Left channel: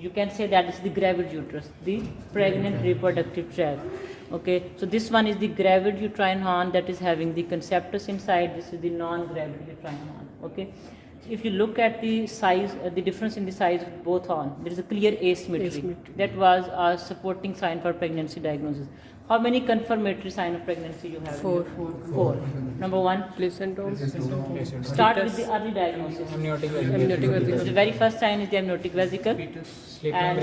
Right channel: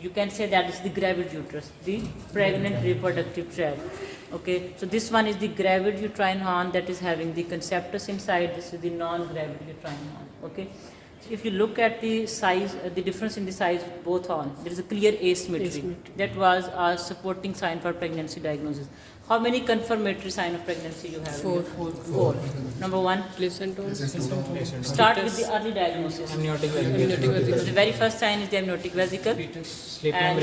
you can say that is the gravid uterus, the pregnant reproductive tract. Okay, so this one is the gravid uterine horn that is having the conceptus inside. This is the non-gravid uterine horn. Okay, so if you look at the size, the difference in the size of both horns, there is a clear asymmetry. That was a supporting sign for pregnancy diagnosis. How many confirmatory sign of pregnancy you have? Four. Number one, Placentomes. start with the early diagnosis. Amniotic vesicle. The very first sign is the amniotic vesicle, Sleep and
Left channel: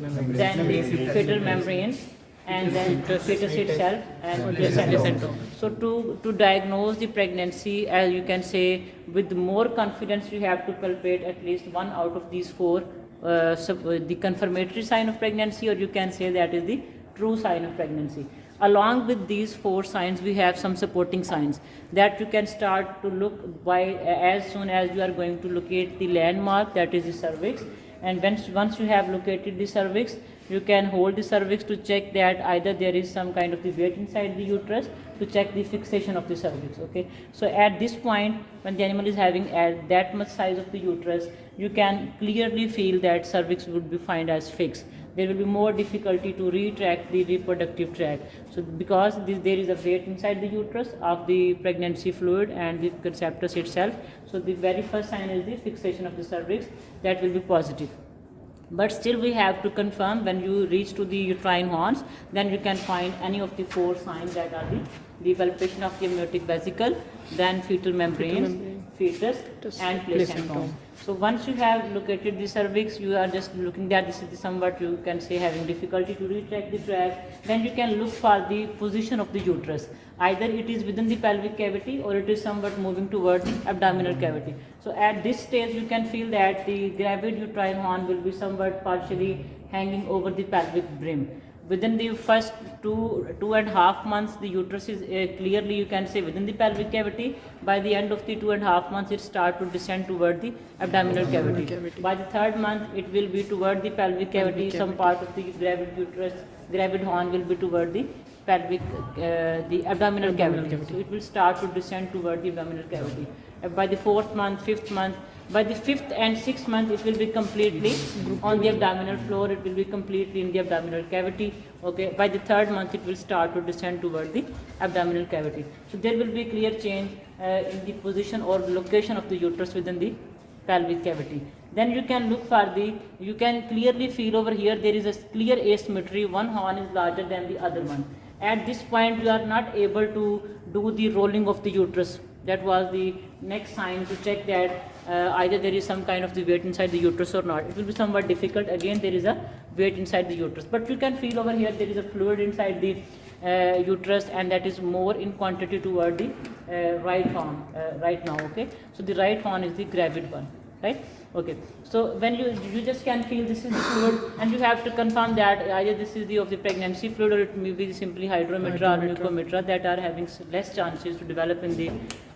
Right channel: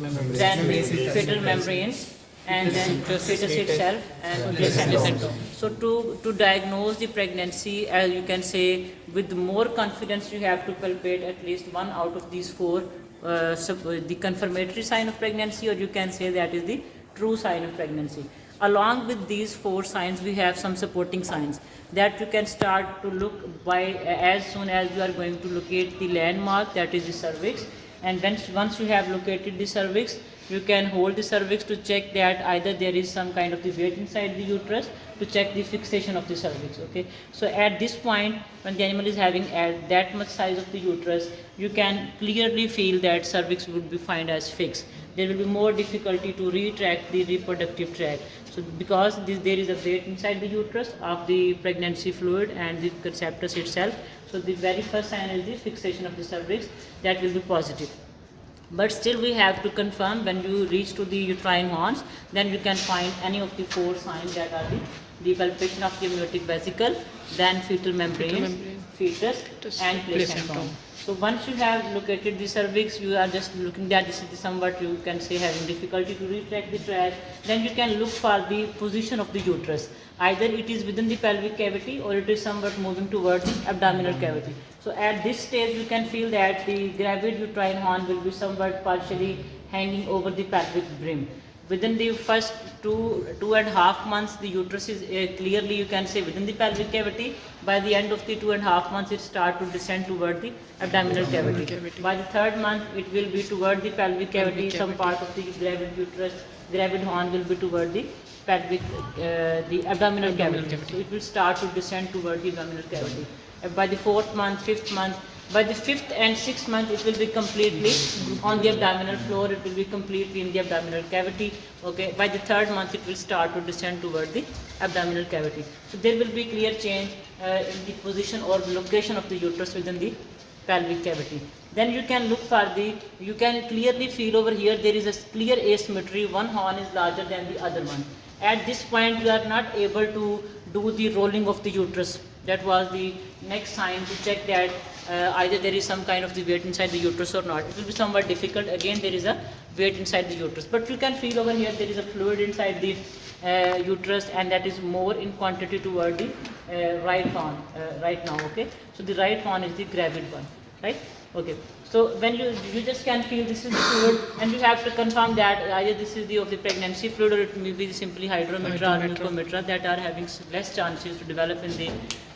membrane. then the fetal membranes, and then fetus itself and placenta. So to diagnose the pregnancy, as you can say, with more confidence you have to palpate at least one out of these four, the confirmatory sign of pregnancy, or you can say that is the true sign of pregnancy. Along with these four signs, we have some supporting signs that you can start to look by as soon as you are going to locate the landmark, that is the cervix. And once you have located the cervix, you can hold the cervix to check that either there is some kind of the weight inside the uterus, to check the fixation of the cervix. Okay, so at this point, when the animal is having that much size of the uterus, you can clearly feel that cervix would be found as fixed. There will be more difficulty to retract the reproductive tract. So because there is a weight inside the uterus of the pregnancy fluid and the conceptus itself, so the very first sign is the fixation of the cervix, that will be positive. But still we have to confirm when you reach to the uterine horns, then you can find any of the four signs, that are the palpation of the amniotic vesicle, then fetal membrane, fetus and placentum. So once you have located the cervix, you are just looking at this is somewhat, you can say, having difficulty to retract the tract, then you can look for the position of the uterus. Either it is within the pelvic cavity or it is somewhat moving towards the abdominal cavity. So at this stage you can feel that the gravid uterine horn will be somewhat partially hanging over the pelvic brim. Within the first 2.5 months, the uterus is clearly, you can say, within the pelvic cavity. By the end of the 2.5 months, it starts to descend toward the abdominal cavity. By the third month, it will be toward the pelvic cavity. Some part of the gravid uterus, gravid horn will be toward the pelvic, the abdominal cavity. So it will start to descend toward the abdominal cavity. By the fourth month, fifth month, by the fifth and sixth month, it will be completely on the abdominal floor. It will be completely in the abdominal cavity. Okay. By the third month, it will start to descend toward the abdominal cavity. So there will be clear change in the position or location of the uterus within the pelvic cavity. Then you can look for you can clearly feel over here there is a clear asymmetry. One horn is larger than the other one. At this point, you are not able to do the rolling of the uterus. That was the next sign to check that either there is some kind of the weight inside the uterus or not. It will be somewhat difficult. Again, there is a weight inside the uterus, but you can feel over here there is a fluid inside the uterus, and that is more in quantity toward the right horn right now. Okay, so the right horn is the gravid one, right? Okay, so when you just can feel this is the fluid, and you have to confirm that either this is the of the pregnancy fluid, or it may be simply hydrometra or mucometra, that are having less chances to develop in the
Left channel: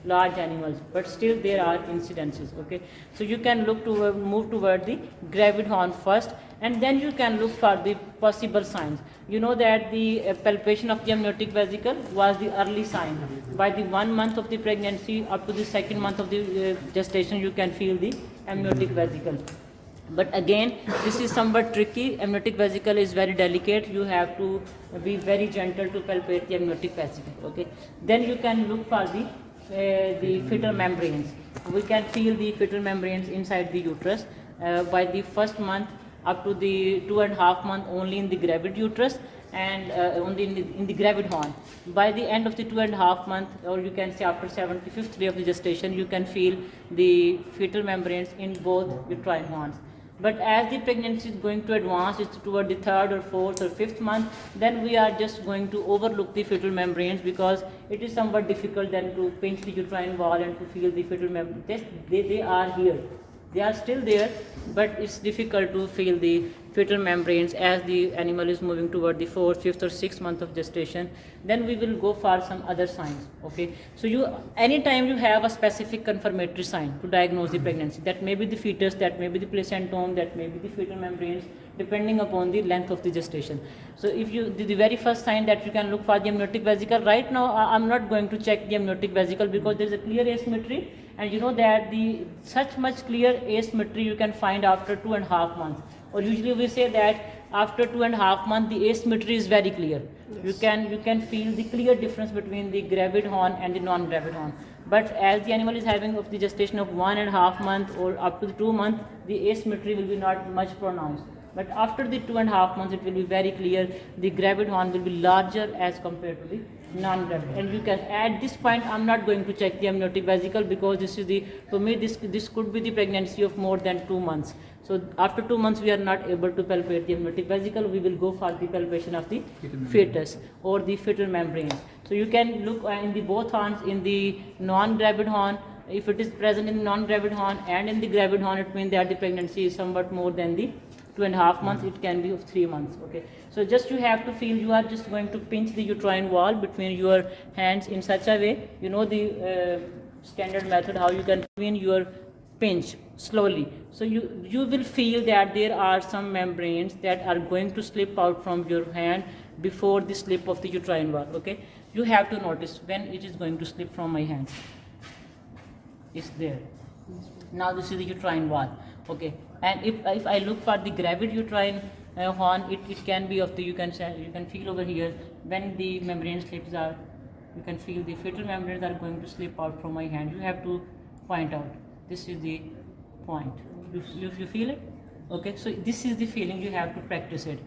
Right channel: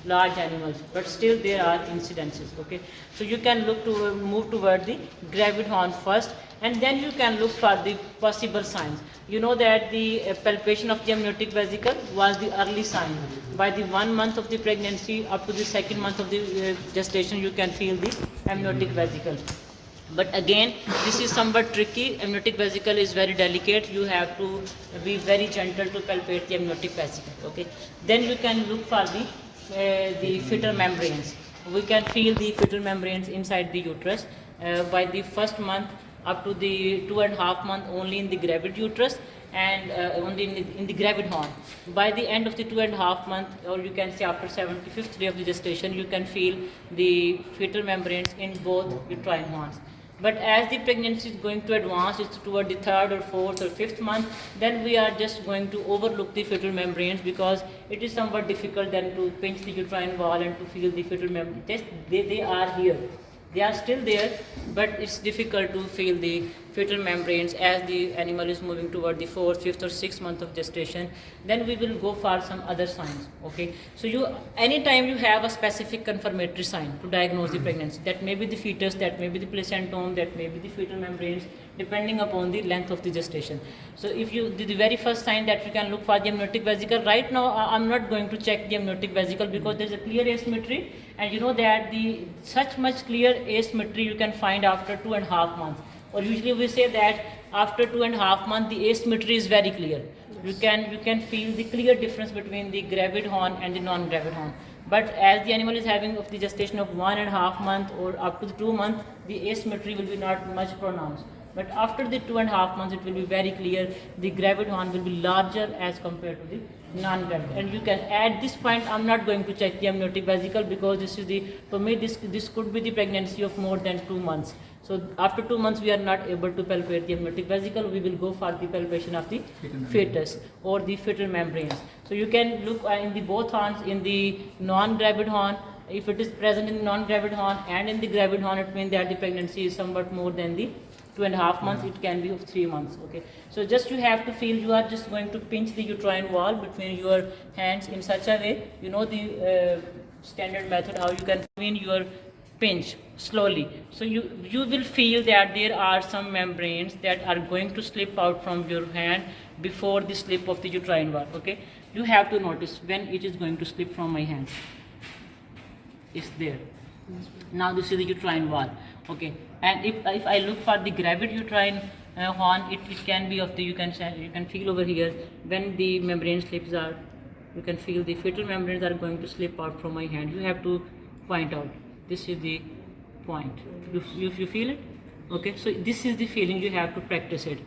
large animals, but still there are incidences. Okay, so you can look to move toward the gravid horn first, and then you can look for the possible signs. You know that the palpation of the amniotic vesicle was the early sign. By the 1 month of the pregnancy up to the 2nd month of the gestation, you can feel the amniotic vesicle. But again, this is somewhat tricky. Amniotic vesicle is very delicate. You have to be very gentle to palpate the amniotic vesicle. Okay. Then you can look for the fetal membranes. We can feel the fetal membranes inside the uterus by the 1st month up to the 2.5 month only in the gravid uterus, and only in the gravid horn. By the end of the 2.5 month, or you can say after 75th day of the gestation, you can feel the fetal membranes in both uterine horns. But as the pregnancy is going to advance, it's toward the 3rd or 4th or 5th month, then we are just going to overlook the fetal membranes, because it is somewhat difficult then to pinch the uterine wall and to feel the fetal membranes. They are here. They are still there, but it's difficult to feel the fetal membranes as the animal is moving toward the 4th, 5th or 6th month of gestation. Then we will go for some other signs. Okay, so anytime you have a specific confirmatory sign to diagnose the pregnancy, that may be the fetus, that may be the placentome, that may be the fetal membranes, depending upon the length of the gestation. So if you the very first sign that you can look for the amniotic vesicle, right now I'm not going to check the amniotic vesicle because there is a clear asymmetry, and you know that the such much clear asymmetry you can find after 2.5 months. Or usually we say that after 2.5 months the asymmetry is very clear. You can feel the clear difference between the gravid horn and the non-gravid horn. But as the animal is having of the gestation of 1.5 months or up to the 2 months, the asymmetry will be not much pronounced. But after the 2.5 months, it will be very clear. The gravid horn will be larger as compared to the non-gravid. And you can, at this point, I'm not going to check the amniotic vesicle because this is the, for me, this could be the pregnancy of more than 2 months. So after 2 months, we are not able to palpate the amniotic vesicle. We will go for the palpation of the fetus or the fetal membrane. So you can look in the both horns, in the non-gravid horn. If it is present in the non-gravid horn and in the gravid horn, it means that the pregnancy is somewhat more than the 2.5 months. It can be of 3 months. Okay. So just you have to feel, you are just going to pinch the uterine wall between your hands in such a way. You know the standard method how you can between your pinch slowly. So you will feel that there are some membranes that are going to slip out from your hand before the slip of the uterine wall. Okay. You have to notice when it is going to slip from my hands. It's there. Now this is the uterine wall. Okay. And if I look for the gravid uterine horn, it can be of the, you can feel over here when the membrane slips out. You can feel the fetal membranes are going to slip out from my hand. You have to point out. This is the point. You feel it? Okay. So this is the feeling, you have to practice it.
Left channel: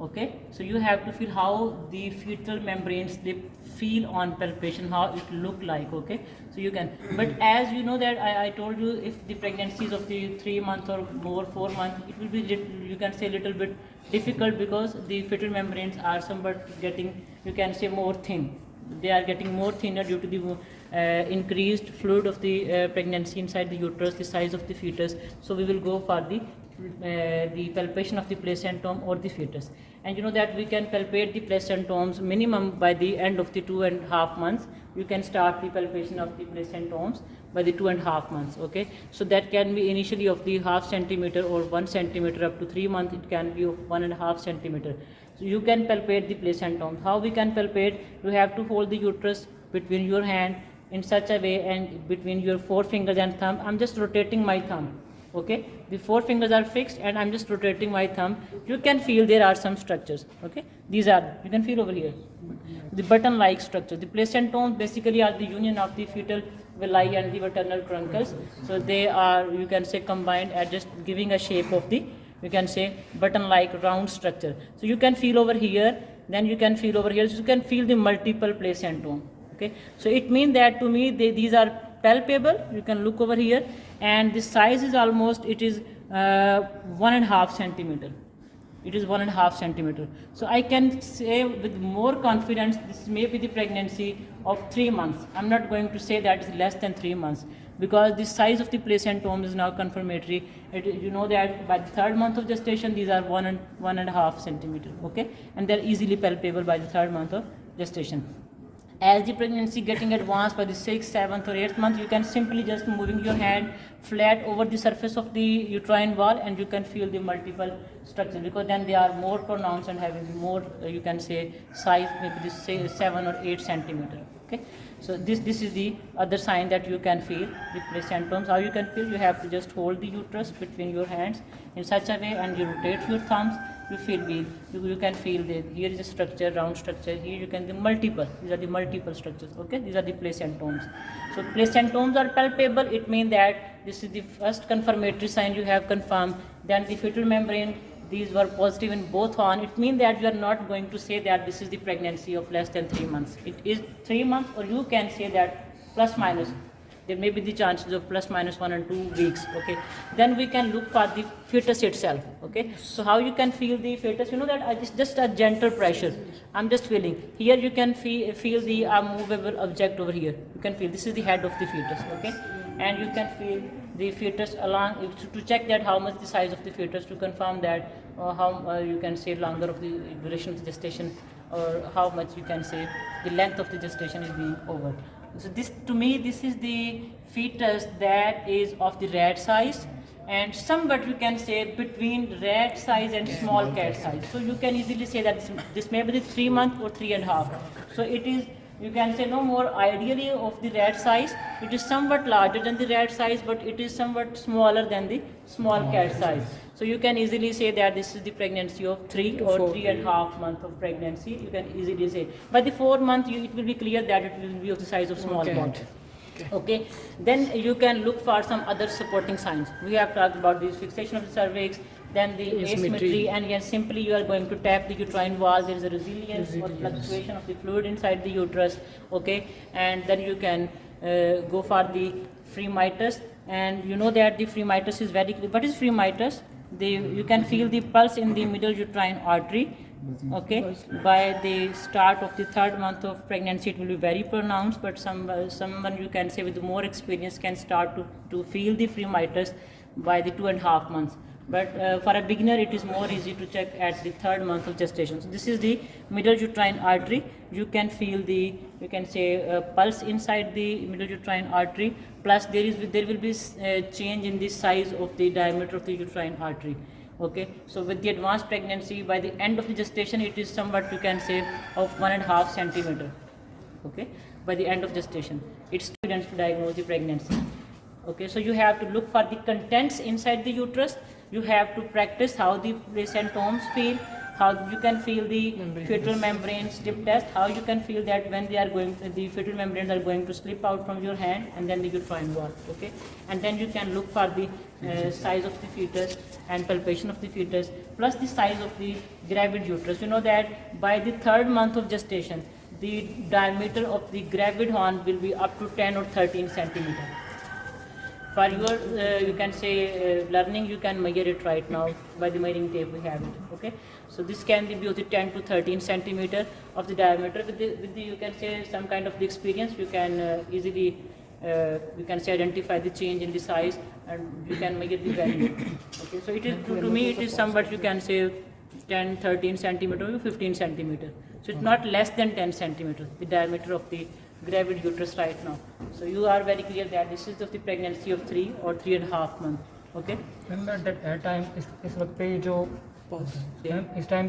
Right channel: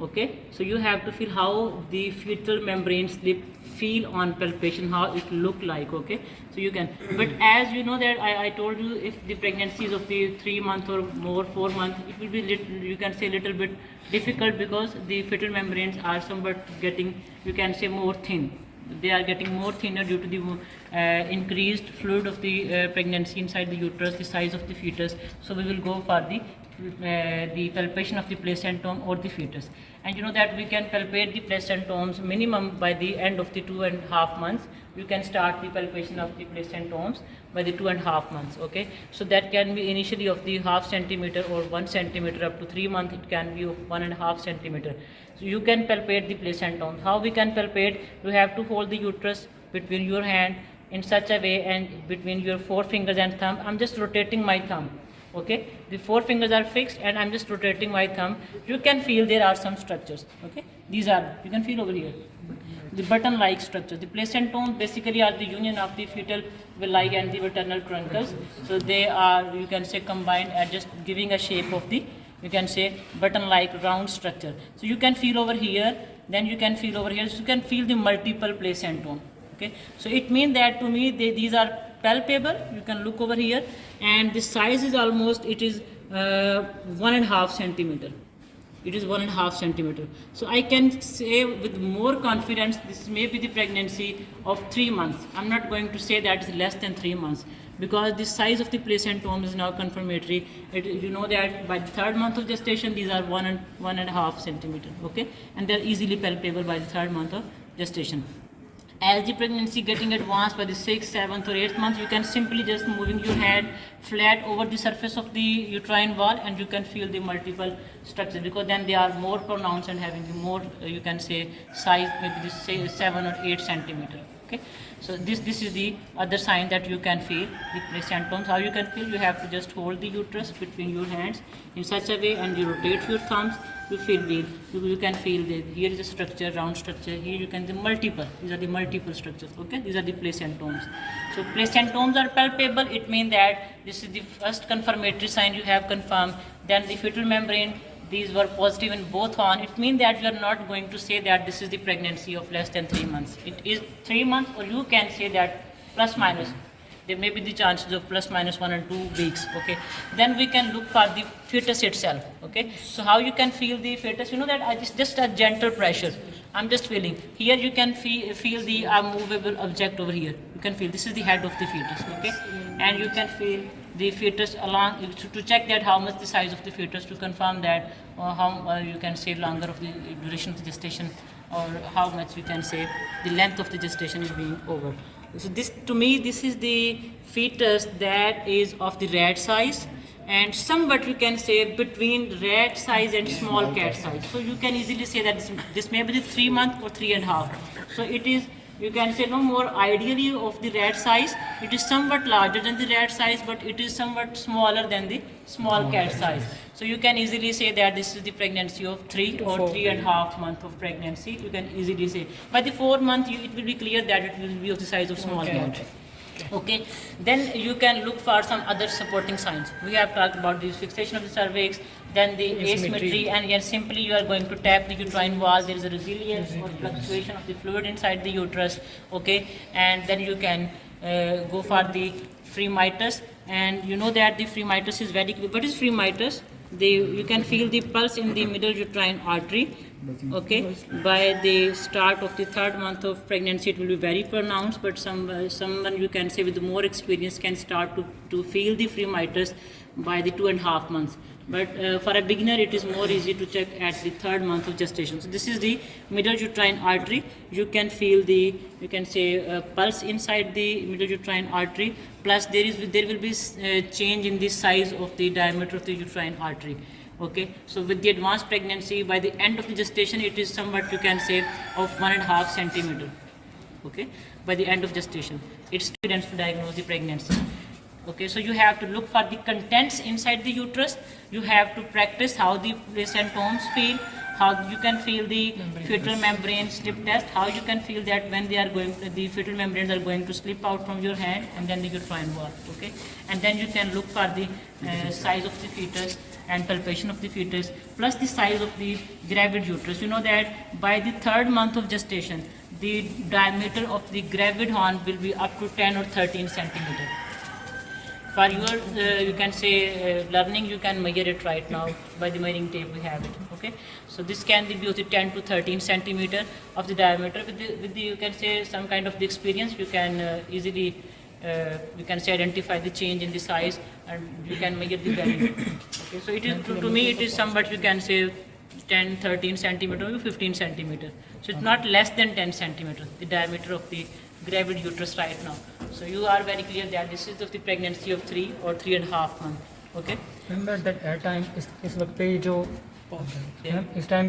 Okay. So you have to feel how the fetal membrane slip feel on palpation, how it look like. Okay. So you can, but as you know that I told you, if the pregnancy is of the 3 months or more, 4 months, it will be you can say little bit difficult because the fetal membranes are somewhat getting, you can say, more thin. They are getting more thinner due to the increased fluid of the pregnancy inside the uterus, the size of the fetus. So we will go for the palpation of the placentome or the fetus. And you know that we can palpate the placentomes minimum by the end of the 2.5 months. You can start the palpation of the placentomes by the 2.5 months. Okay, so that can be initially of the 0.5 centimeter or 1 centimeter. Up to 3 months it can be of 1.5 centimeter. So you can palpate the placentomes. How we can palpate? You have to hold the uterus between your hand in such a way and between your 4 fingers and thumb. I'm just rotating my thumb. Okay, the 4 fingers are fixed and I'm just rotating my thumb. You can feel there are some structures. Okay, these are, you can feel over here, the button-like structures. The placentomes basically are the union of the fetal villi and the maternal truncus. So they are, you can say, combined at just giving a shape of the, you can say, button-like round structure. So you can feel over here, then you can feel over here. So you can feel the multiple placentome. Okay, so it means that to me these are palpable. You can look over here, and the size is almost, it is 1.5 centimeter. It is 1.5 centimeter. So I can say with more confidence this may be the pregnancy of 3 months. I'm not going to say that it's less than 3 months because the size of the placentome is now confirmatory. You know that by the 3rd month of gestation these are 1.5 centimeter. Okay, and they're easily palpable by the 3rd month of gestation. As the pregnancy getting advanced by the 6th, 7th or 8th month, you can simply just moving your hand flat over the surface of the uterine wall and you can feel the multiple structures because then they are more pronounced and having more, you can say, size, maybe this say 7 or 8 centimeter. Okay, so this is the other sign that you can feel the placentomes. How you can feel? You have to just hold the uterus between your hands in such a way and you rotate your thumbs. You feel you can feel here is a structure, round structure. Here you can the multiple. These are the multiple structures. Okay, these are the placentomes. So placentomes are palpable. It means that this is the first confirmatory sign you have confirmed. Then the fetal membrane. These were positive in both horn. It means that you are not going to say that this is the pregnancy of less than 3 months. It is 3 months, or you can say that plus minus. There may be the chances of plus minus 1 and 2 weeks. Okay, then we can look for the fetus itself. Okay, so how you can feel the fetus? You know that it's just a gentle pressure. I'm just feeling here. You can feel the movable object over here. You can feel this is the head of the fetus. Okay, and you can feel the fetus along to check that how much the size of the fetus, to confirm that how you can say longer of the duration of the gestation, or how much you can say the length of the gestation is being over. So this, to me, this is the fetus that is of the rat size and somewhat you can say between rat size and small cat size. So you can easily say that this may be the 3 month or 3.5. So it is you can say no more ideally of the rat size. It is somewhat larger than the rat size, but it is somewhat smaller than the small cat size. So you can easily say that this is the pregnancy of 3 or 3.5 months of pregnancy. You can easily say by the 4th month it will be clear that it will be of the size of small cat. Okay, then you can look for some other supporting signs. We have talked about the fixation of the cervix, then the asymmetry, and here simply you are going to tap the uterine wall. There is a resilience or fluctuation of the fluid inside the uterus. Okay, and then you can go for the fremitus, and you know that the fremitus is very clear. What is fremitus? You can feel the pulse in the middle uterine artery. Okay, by the start of the 3rd month of pregnancy it will be very pronounced, but someone you can say with more experience can start to feel the fremitus by the 2.5 months. But for a beginner it is more easy to check at the 3rd month of gestation. So this is the middle uterine artery. You can feel the, you can say pulse inside the middle uterine artery, plus there will be change in the size of the diameter of the uterine artery. Okay, so with the advanced pregnancy, by the end of the gestation it is somewhat you can say of 1.5 centimeter. Okay, by the end of gestation it's evidence to diagnose the pregnancy. Okay, so you have to look for the contents inside the uterus. You have to practice how the placentomes feel, how you can feel the fetal membrane slip test, how you can feel that when they are going, the fetal membranes are going to slip out from your hand, and then the uterine wall. Okay, and then you can look for the size of the fetus and palpation of the fetus, plus the size of the gravid uterus. You know that by the 3rd month of gestation, the diameter of the gravid horn will be up to 10 or 13 centimeter. For your, you can say learning, you can measure it right now by the measuring tape we have it. Okay, so this can be of the 10 to 13 centimeter of the diameter. With the you can say some kind of the experience, you can easily you can say identify the change in the size, and you can measure the value. Okay, so it is to me it is somewhat you can say 10, 13 centimeter or 15 centimeter. So it's not less than 10 centimeter, the diameter of the gravid uterus right now. So you are very clear that this is of the pregnancy of 3 or 3.5 months. Okay. Remember that at time इस वक्त पे जो इस time पे